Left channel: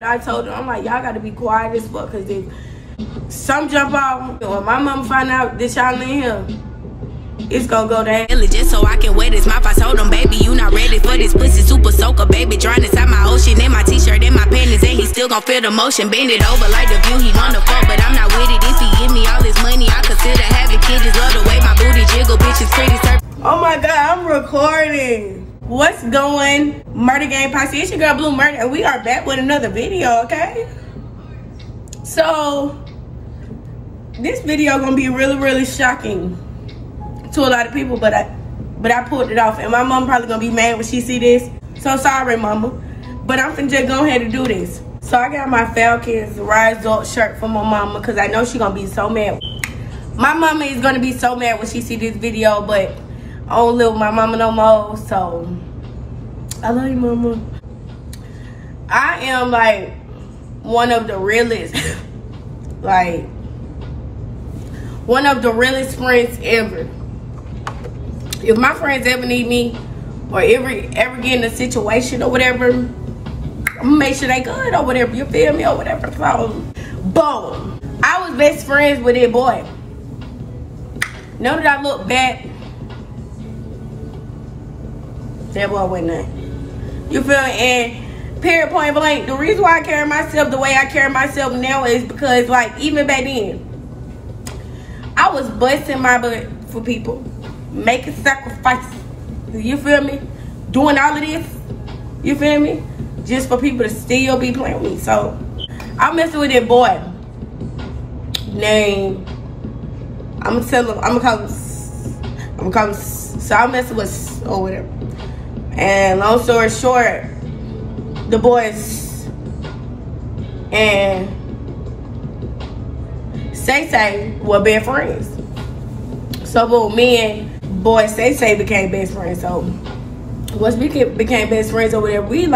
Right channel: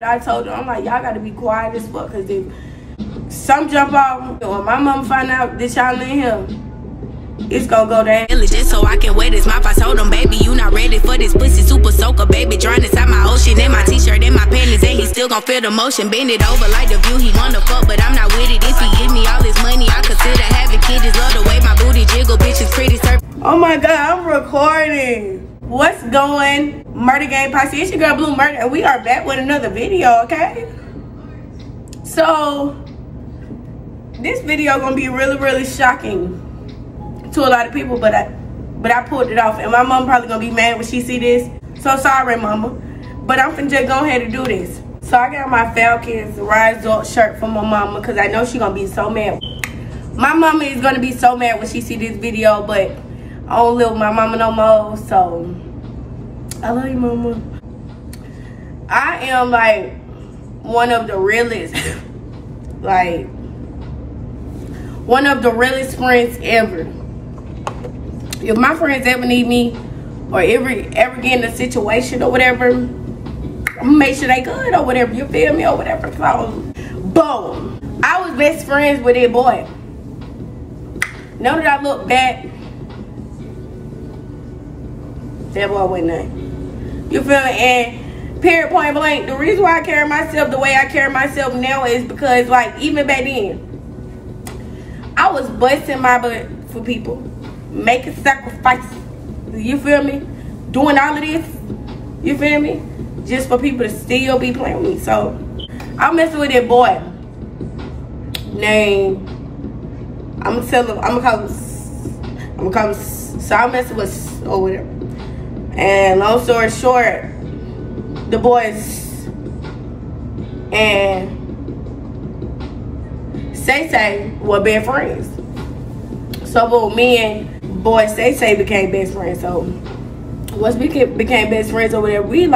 I told them, I'm like, y'all gotta be quiet as fuck, cause if some jump off, or my mom find out this y'all in here, it's gonna go down. Just so I can wear this mouth, I told him, baby, you not ready for this pussy super soaker, baby. Drown inside my ocean, in my t-shirt, in my panties, and he still gon' feel the motion. Bend it over like the view, he wanna fuck, but I'm not with it. If he give me all his money, I consider having kids. Just love the way my booty jiggle, bitch is pretty surf. Oh my God, I'm recording. What's going? MurdaGangPosse, it's your girl Blue Murder, and we are back with another video, okay? So, this video gonna be really shocking to a lot of people, but I pulled it off, and my mom probably gonna be mad when she see this. So sorry, mama, but I'm finna just go ahead and do this. So I got my Falcons Rise Up shirt for my mama because I know she gonna be so mad. My mama is gonna be so mad when she see this video, but I don't live with my mama no more, so I love you, mama. I am like one of the realest, like one of the realest friends ever. If my friends ever need me or ever get in a situation or whatever, I'm gonna make sure they good or whatever, you feel me, or whatever. So, boom. I was best friends with that boy. Now that I look back, that boy wasn't nothing. You feel me? And period, point blank, the reason why I carry myself the way I carry myself now is because, like, even back then, I was busting my butt for people, making sacrifices, you feel me? Doing all of this, you feel me? Just for people to still be playing with me. So, I'm messing with that boy named, I'm gonna call him, so I'm messing with, or whatever. And long story short, the boys and Say were best friends. So me and boy Say became best friends. So once we became best friends or whatever, we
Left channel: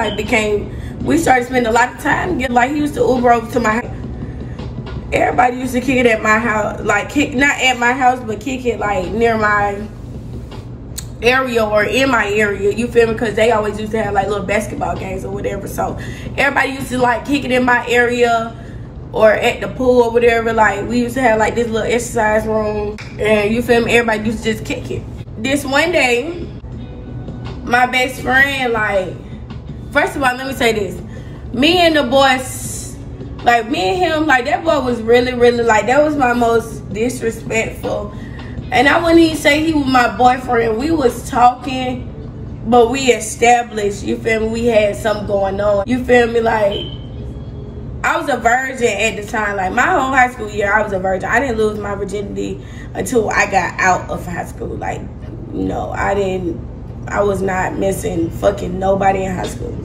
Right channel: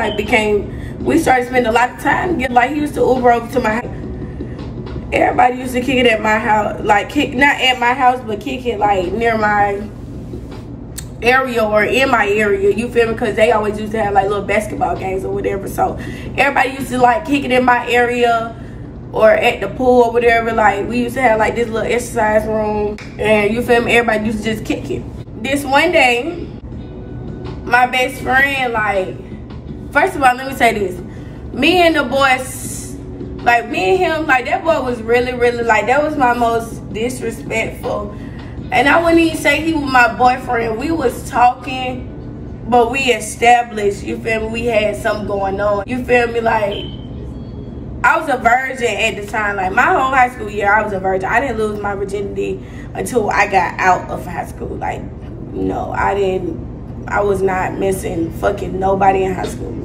started spending a lot of time. Like, he used to Uber over to my house. Everybody used to kick it at my house, like not at my house, but kick it like near my area or in my area, you feel me? Because they always used to have like little basketball games or whatever. So everybody used to like kick it in my area or at the pool or whatever. Like, we used to have like this little exercise room, and you feel me, everybody used to just kick it. This one day, my best friend, like, first of all, let me say this, me and the boys, like, me and him, like, that boy was really like, that was my most disrespectful. And I wouldn't even say he was my boyfriend. We was talking, but we established, you feel me, we had something going on. You feel me? Like, I was a virgin at the time. Like, my whole high school year, I was a virgin. I didn't lose my virginity until I got out of high school. Like, no, I was not missing fucking nobody in high school.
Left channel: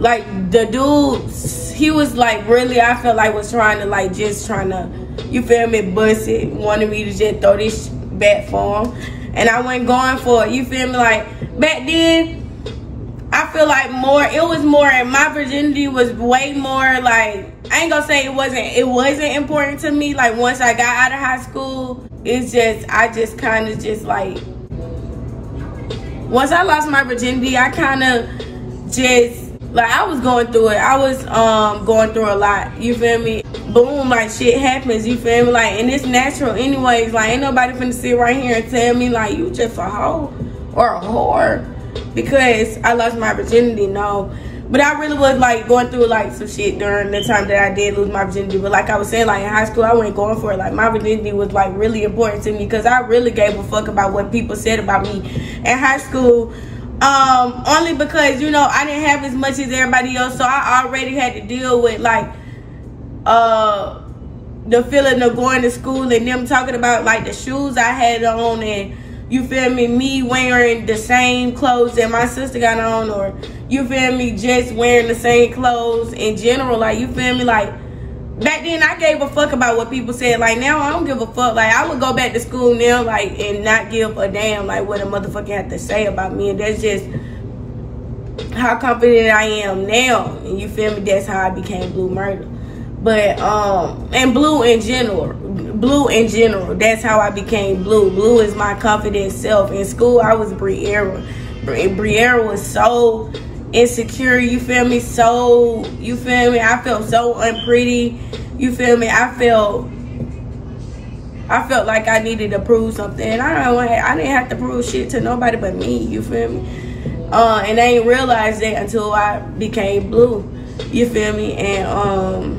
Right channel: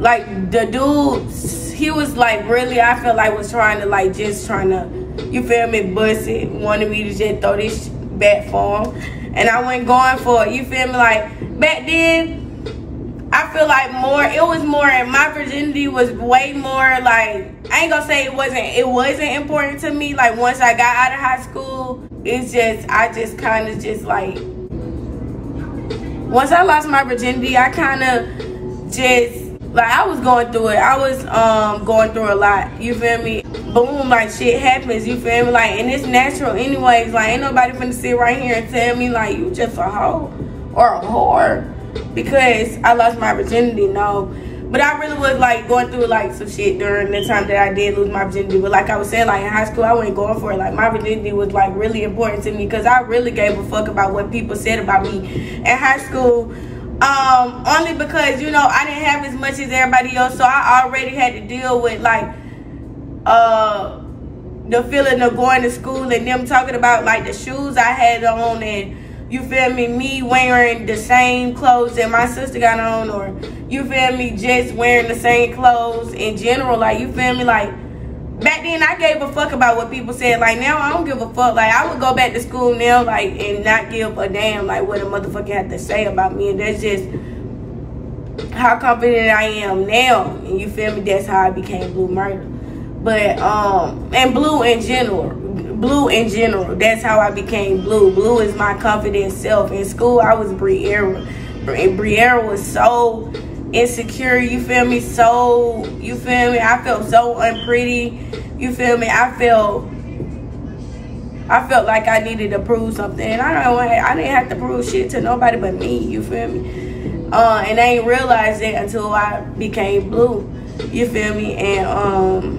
Like, the dude, he was like, really, I felt like was trying to, you feel me, bust it, wanted me to just throw this back for him. And I wasn't going for it, you feel me? Like, back then, I feel like it was more, and my virginity was way more, like, I ain't gonna say it wasn't important to me. Like, once I got out of high school, I just kind of just like, once I lost my virginity, I kind of just, like, I was going through it. I was going through a lot, you feel me? Boom, like, shit happens, you feel me? Like, and it's natural anyways. Like, ain't nobody finna sit right here and tell me, like, you just a hoe or a whore because I lost my virginity, no. But I really was, like, going through, like, some shit during the time that I did lose my virginity. But like I was saying, like, in high school, I wasn't going for it. Like, my virginity was, like, really important to me because I really gave a fuck about what people said about me in high school. Only because, you know, I didn't have as much as everybody else, so I already had to deal with, like, the feeling of going to school and them talking about, like, the shoes I had on, and, you feel me wearing the same clothes that my sister got on, or, you feel me, just wearing the same clothes in general. Like, you feel me, like, back then I gave a fuck about what people said. Like, now I don't give a fuck. Like, I would go back to school now, like, and not give a damn, like, what a motherfucker had to say about me. And that's just how confident I am now. And you feel me, that's how I became Blue Murder. But, and Blue in general, that's how I became Blue. Blue is my confident self. In school, I was Briera. Briera was so insecure, you feel me? So, you feel me? I felt so unpretty, you feel me? I felt like I needed to prove something. And I didn't have to prove shit to nobody but me, you feel me? And I ain't realized that until I became blue, you feel me? And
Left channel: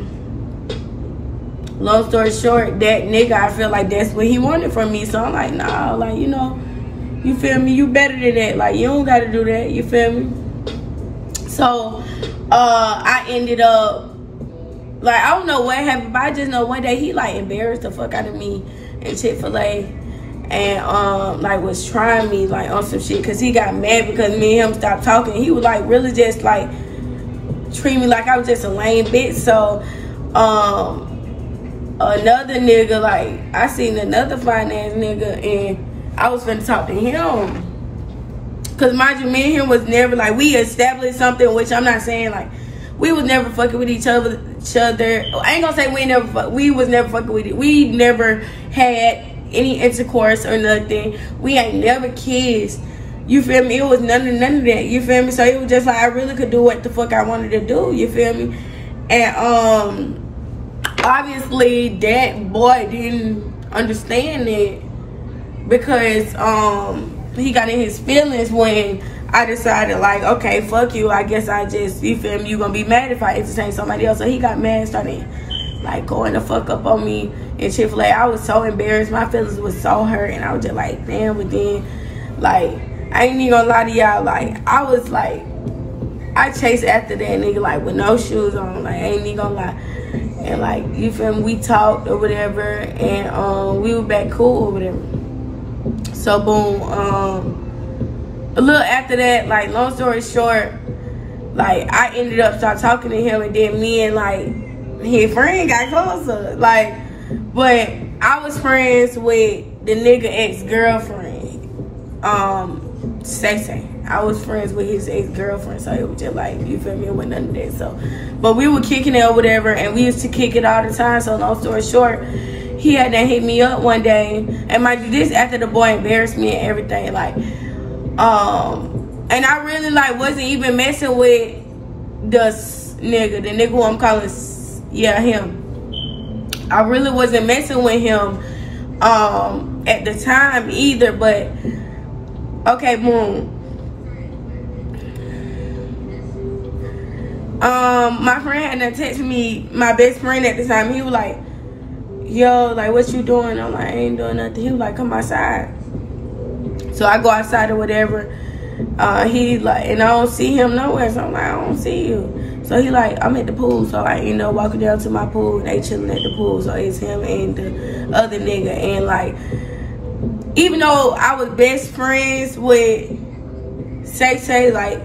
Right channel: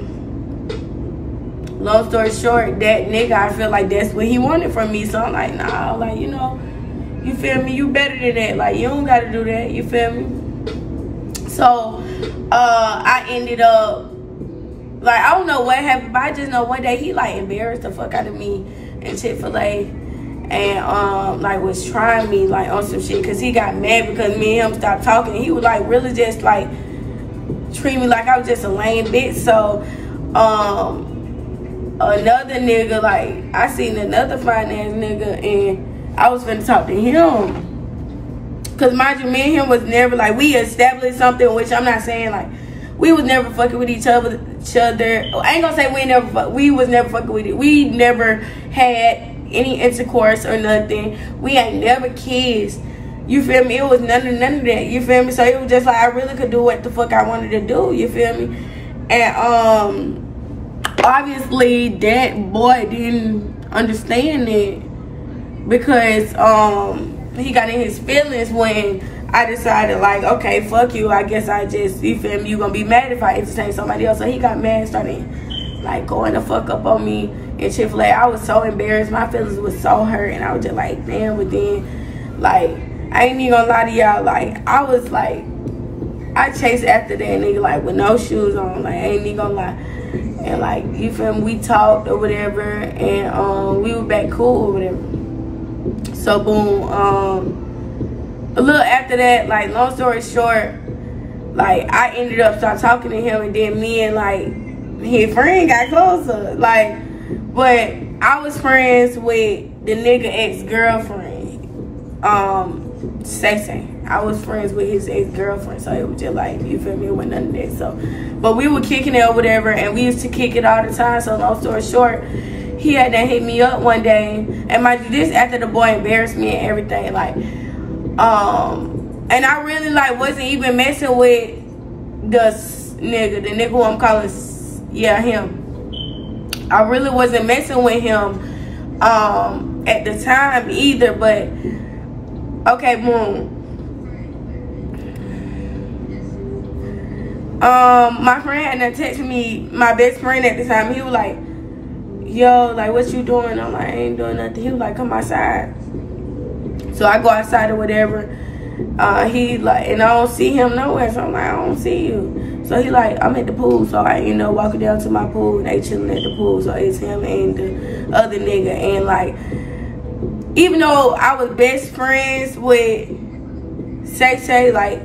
long story short, that nigga, I feel like that's what he wanted from me. So I'm like, nah, like, you know, you feel me? You better than that. Like, you don't gotta do that, you feel me? So I ended up, like, I don't know what happened, but I just know one day he like embarrassed the fuck out of me in Chick-fil-A. And like was trying me like on some shit, because he got mad because me and him stopped talking. He was like really just like treat me like I was just a lame bitch. So another nigga, like I seen another finance nigga and I was finna talk to him, because mind you, me and him was never like, we established something, which I'm not saying like we was never fucking with each other. I ain't gonna say we was never fucking with it. We never had any intercourse or nothing. We ain't never kissed, you feel me? It was none of that, you feel me? So it was just like I really could do what the fuck I wanted to do, you feel me? And obviously that boy didn't understand it, because he got in his feelings when I decided like, okay, fuck you, I guess I just, you feel me, you gonna be mad if I entertain somebody else. So he got mad and started like going the fuck up on me in Chick-fil-A. I was so embarrassed, my feelings was so hurt, and I was just like, damn. But then, like, I ain't even gonna lie to y'all, like, I was like, I chased after that nigga like with no shoes on, like, I ain't even gonna lie. And like, you feel me, we talked or whatever, and we were back cool or whatever. So boom, a little after that, like, long story short, like, I ended up start talking to him, and then me and like his friend got closer, like. But I was friends with the nigga ex-girlfriend, Sexy. I was friends with his ex-girlfriend, so it was just like, you feel me, it wasn't none of that. So, but we were kicking it or whatever, and we used to kick it all the time. So long story short, he had to hit me up one day, and mind you, this after the boy embarrassed me and everything, like, and I really like wasn't even messing with the nigga who I'm calling, yeah, him. I really wasn't messing with him at the time either, but okay, boom. My friend had texted me, my best friend at the time. He was like, yo, like, what you doing? I'm like, I ain't doing nothing. He was like, come outside. So I go outside or whatever. He like, and I don't see him nowhere. So I'm like, I don't see you. So he like, I'm at the pool. So like, you know, walking down to my pool, they chilling at the pool. So it's him and the other nigga. And like, even though I was best friends with Say, like,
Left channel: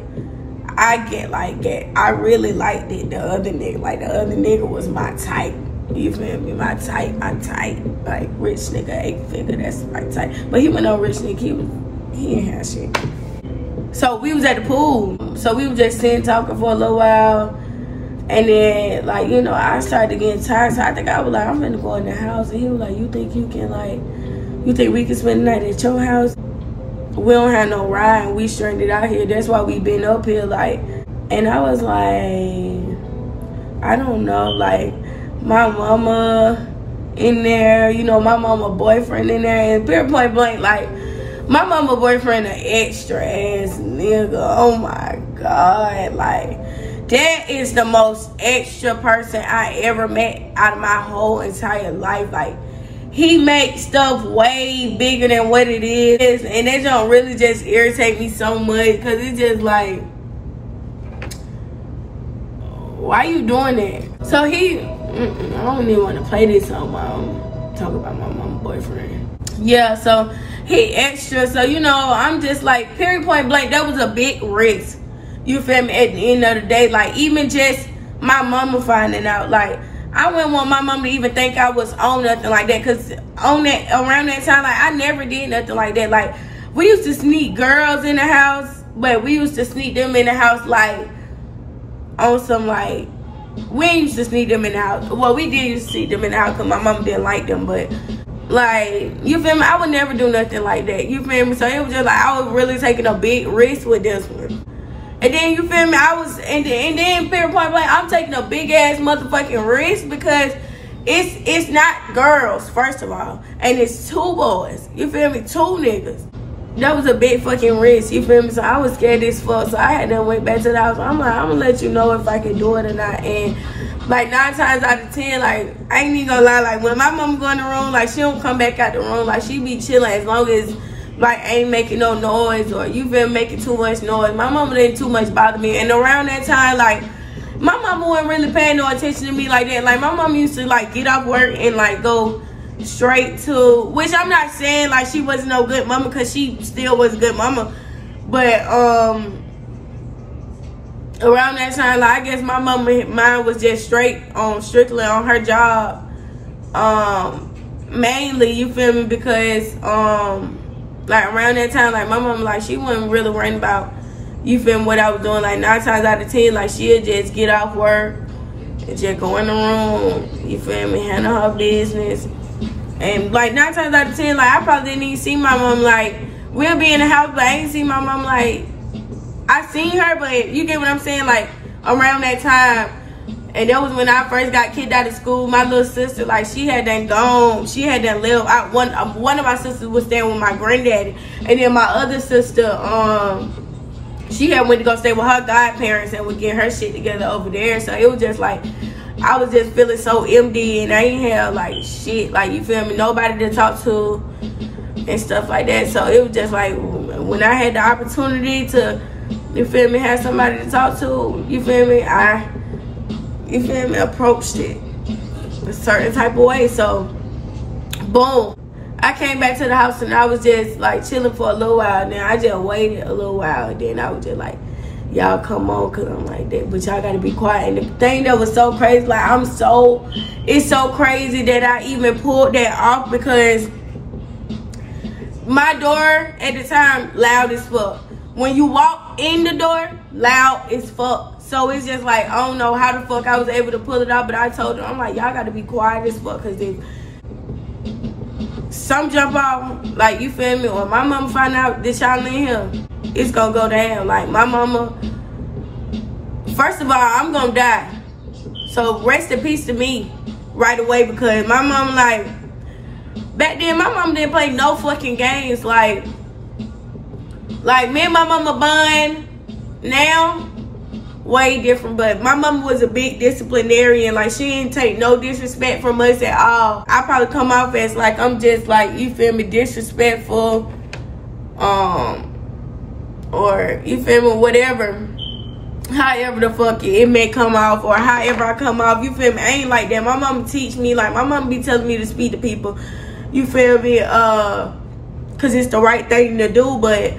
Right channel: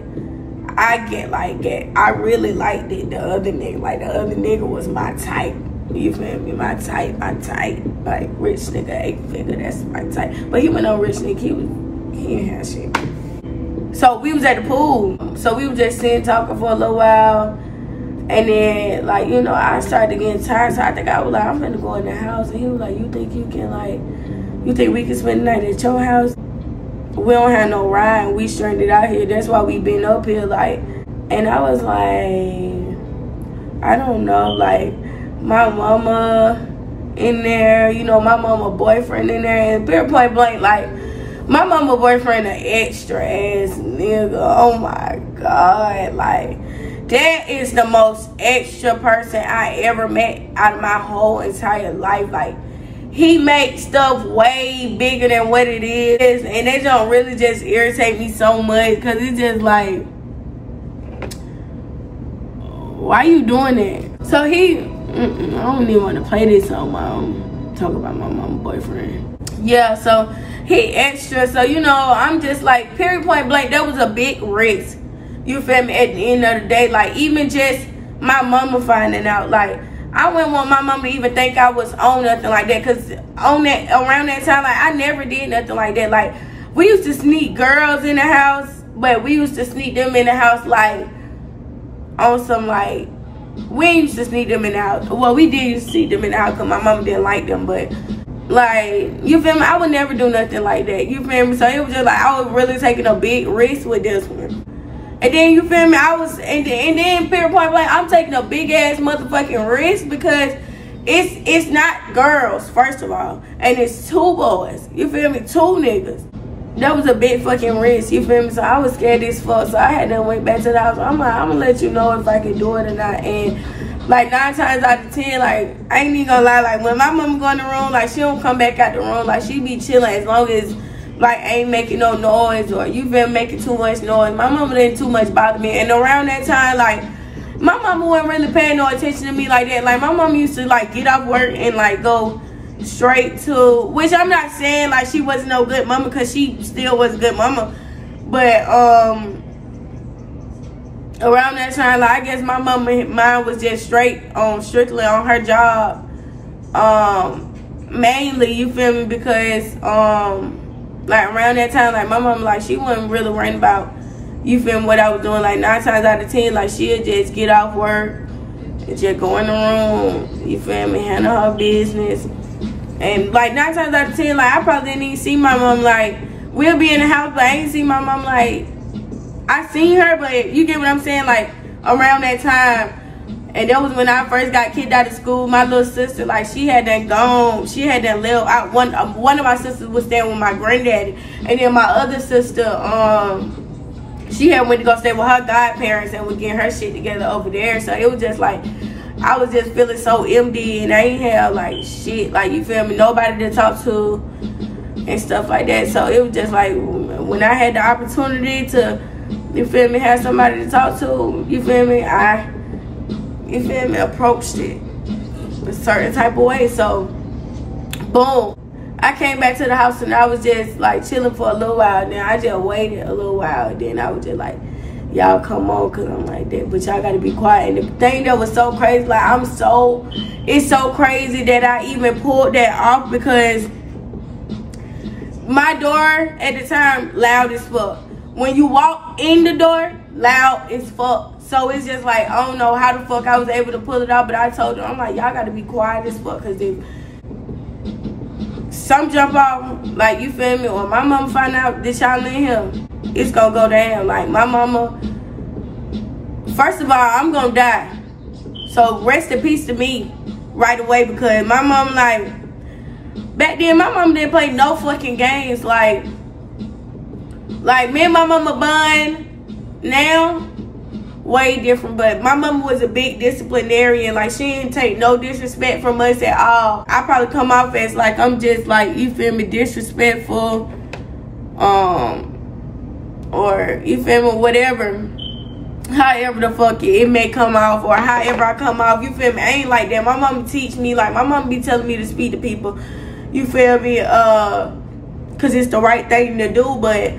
I really liked it, the other nigga. Like, the other nigga was my type. You feel me? My type. Like, rich nigga, 8-figure, that's my type. But he was no rich nigga, he ain't have shit. So we was at the pool. So we was just sitting talking for a little while. And then, like, you know, I started getting tired. So I think I was like, I'm gonna go in the house. And he was like, you think you can, like, you think we can spend the night at your house? We don't have no ride. We stranded out here. That's why we been up here, like. And I was like, I don't know, like, my mama in there, you know, my mama boyfriend in there, and very point blank, like, my mama boyfriend an extra ass nigga. Oh my God, like, that is the most extra person I ever met out of my whole entire life. Like, he makes stuff way bigger than what it is, and that don't really just irritate me so much, because it's just like, why you doing that? So he, I don't even want to play this on my own, talk about my mama boyfriend. Yeah, so he extra, so you know, I'm just like, period point blank, that was a big risk. You feel me? At the end of the day, like, even just my mama finding out, like, I wouldn't want my mama to even think I was on nothing like that, because on that, around that time, like, I never did nothing like that. Like, we used to sneak girls in the house, but we used to sneak them in the house, like, on some, like, we used to sneak them in the house. Well, we did used to sneak them in the house because my mama didn't like them, but, like, you feel me? I would never do nothing like that. You feel me? So it was just like, I was really taking a big risk with this one. And then, you feel me, and then period point blank, I'm taking a big ass motherfucking risk because it's not girls, first of all, and it's 2 boys, you feel me, 2 niggas. That was a big fucking risk, you feel me? So I was scared as fuck, so I had to went back to the house. I'm like, I'm gonna let you know if I can do it or not. And like 9 times out of 10, like, I ain't even gonna lie, like when my mom go in the room, like she don't come back out the room, like she be chilling as long as like ain't making no noise or you been making too much noise. My mama didn't too much bother me. And around that time, like my mama wasn't really paying no attention to me like that. Like my mama used to like get off work and like go straight to, which I'm not saying like she wasn't no good mama, because she still was a good mama, but around that time, like I guess my mine was just strictly on her job, mainly, you feel me, because like around that time, like my mom, like she wasn't really worrying about, you feel me, what I was doing. Like 9 times out of 10, like she'd just get off work and just go in the room, you feel me, handle her business. And like 9 times out of 10, like I probably didn't even see my mom. Like we'll be in the house, but I ain't seen my mom. Like I seen her, but you get what I'm saying, like around that time. And that was when I first got kicked out of school. My little sister, like she had done gone, she had done lived out. One of my sisters was staying with my granddaddy, and then my other sister, she had went to go stay with her godparents and was getting her shit together over there. So it was just like, I was just feeling so empty, and I ain't have like shit, like you feel me, nobody to talk to and stuff like that. So it was just like, when I had the opportunity to, you feel me, have somebody to talk to, you feel me, you feel me, approached it a certain type of way. So boom, I came back to the house and I was just like chilling for a little while. Then I just waited a little while, and then I was just like, y'all come on, cause I'm like that, but y'all gotta be quiet. And the thing that was so crazy, like it's so crazy that I even pulled that off, because my door at the time loud as fuck. When you walk in the door, loud as fuck. So it's just like, I don't know how the fuck I was able to pull it out, but I told them, I'm like, y'all gotta be quiet as fuck, cause if some jump off, like you feel me, or my mama find out that y'all in here, it's gonna go down. Like my mama, first of all, I'm gonna die. So rest in peace to me right away, because my mama, like, back then my mama didn't play no fucking games. Like me and my mama bond now, way different. But my mama was a big disciplinarian. Like she didn't take no disrespect from us at all. I probably come off as like I'm just like, you feel me, disrespectful, or you feel me, whatever, however the fuck it may come off, or however I come off, you feel me. I ain't like that. My mama teach me, like my mama be telling me to speak to people, you feel me, cause it's the right thing to do. But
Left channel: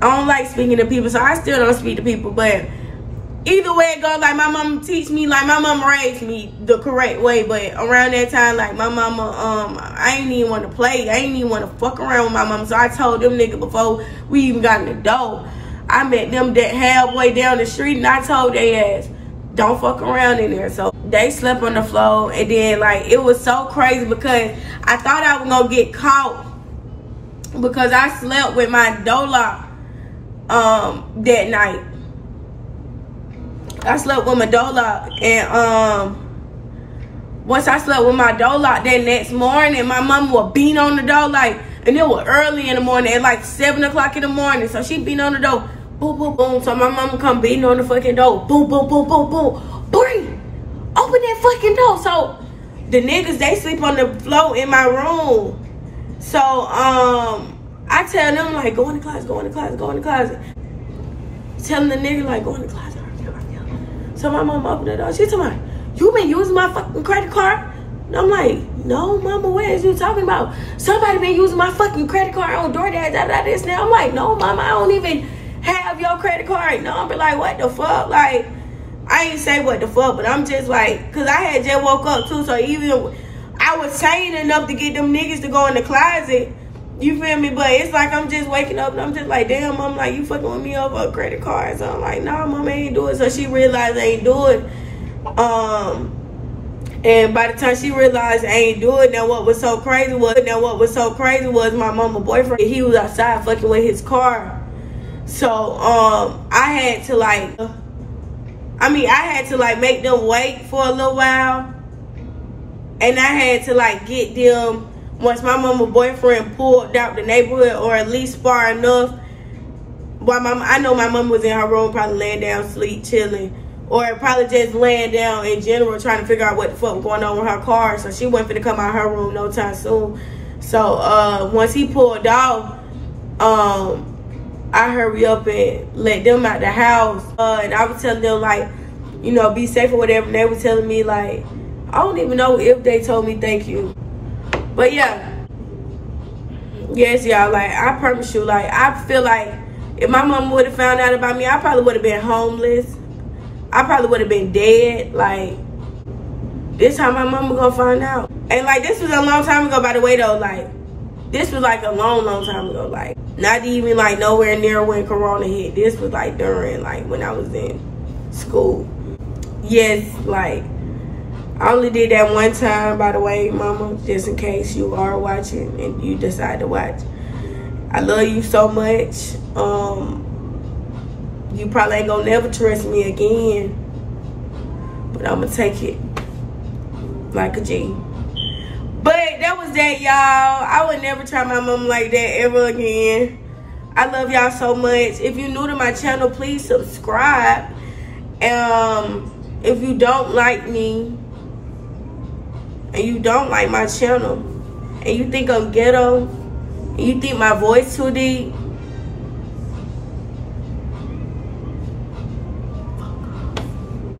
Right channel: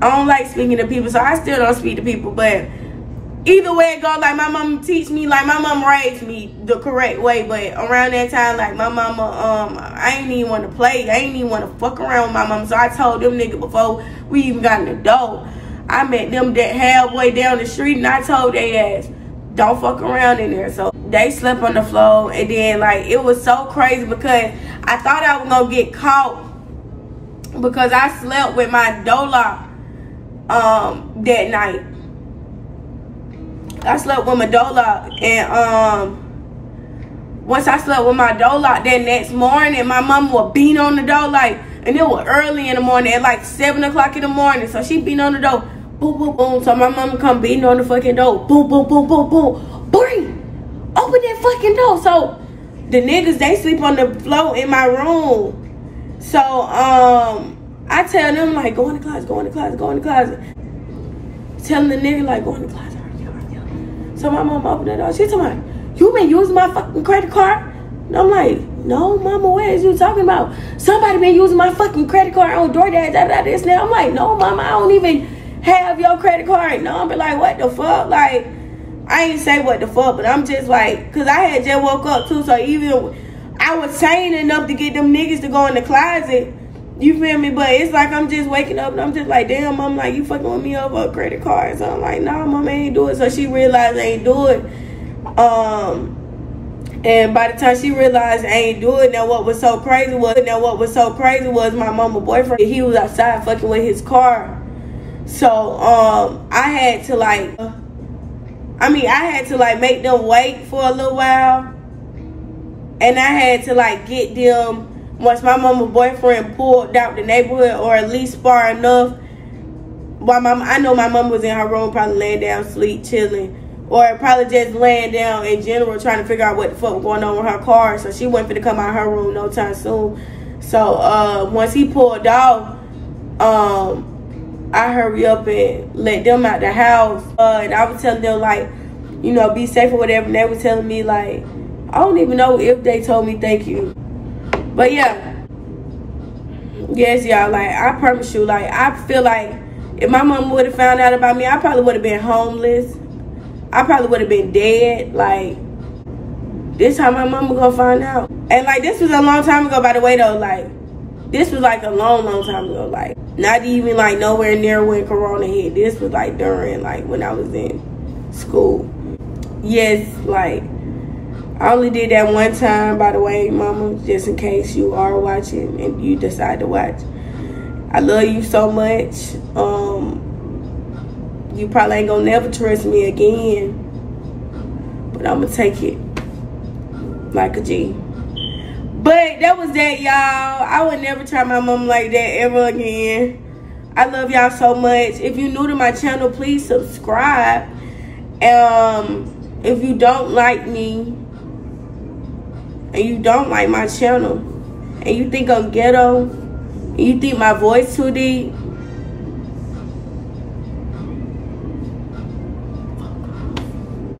I don't like speaking to people, so I still don't speak to people. But either way it goes, like my mama teach me, like my mama raised me the correct way. But around that time, like my mama, I ain't even want to play. I ain't even want to fuck around with my mama. So I told them niggas before we even got in the door, I met them that halfway down the street, and I told their ass, don't fuck around in there. So they slept on the floor, and then like it was so crazy because I thought I was gonna get caught because I slept with my door locked that night. I slept with my door locked, and once I slept with my door locked, that next morning my mama would beat on the door, like, and it was early in the morning, at like 7 o'clock in the morning. So she beat on the door, boom, boom, boom. So my mama come beating on the fucking door, boom, boom, boom, boom, boom, boom, open that fucking door. So the niggas, they sleep on the floor in my room. So I tell them like, go in the closet, go in the closet, go in the closet. Telling the nigga like, go in the closet. So my mom opened the door. She's like, you been using my fucking credit card? And I'm like, no, mama, what is you talking about? Somebody been using my fucking credit card on DoorDash, this now. I'm like, no, mama, I don't even have your credit card. No, I'm like, what the fuck? Like, I ain't say what the fuck, but I'm just like, cause I had just woke up too, so even I was sane enough to get them niggas to go in the closet. You feel me? But it's like I'm just waking up and I'm just like, damn, I'm like, you fucking with me over a credit card. So I'm like, nah, mama, I ain't do it. So she realized I ain't do it. And by the time she realized I ain't do it, now what was so crazy was my mama boyfriend, he was outside fucking with his car. So I had to like make them wait for a little while, and I had to like get them once my mama's boyfriend pulled out the neighborhood, or at least far enough. While I know my mom was in her room probably laying down, sleep, chilling, or probably just laying down in general trying to figure out what the fuck was going on with her car. So she wasn't finna come out of her room no time soon. So once he pulled off, I hurry up and let them out the house. And I was telling them like, you know, be safe or whatever. And they were telling me like, I don't even know if they told me thank you. But yeah. Yes, y'all, like I promise you, like I feel like if my mom would have found out about me, I probably would have been homeless. I probably would have been dead. Like, this how my mama gonna find out. And like, this was a long time ago, by the way, though. Like, this was like a long time ago. Like, not even like nowhere near when Corona hit. This was like during, like, when I was in school. Yes, like, I only did that one time, by the way, mama, just in case you are watching and you decide to watch. I love you so much. You probably ain't gonna never trust me again, but I'm gonna take it like a G. But that was that, y'all. I would never try my mom like that ever again. I love y'all so much. If you're new to my channel, please subscribe. If you don't like me and you don't like my channel and you think I'm ghetto and you think my voice too deep,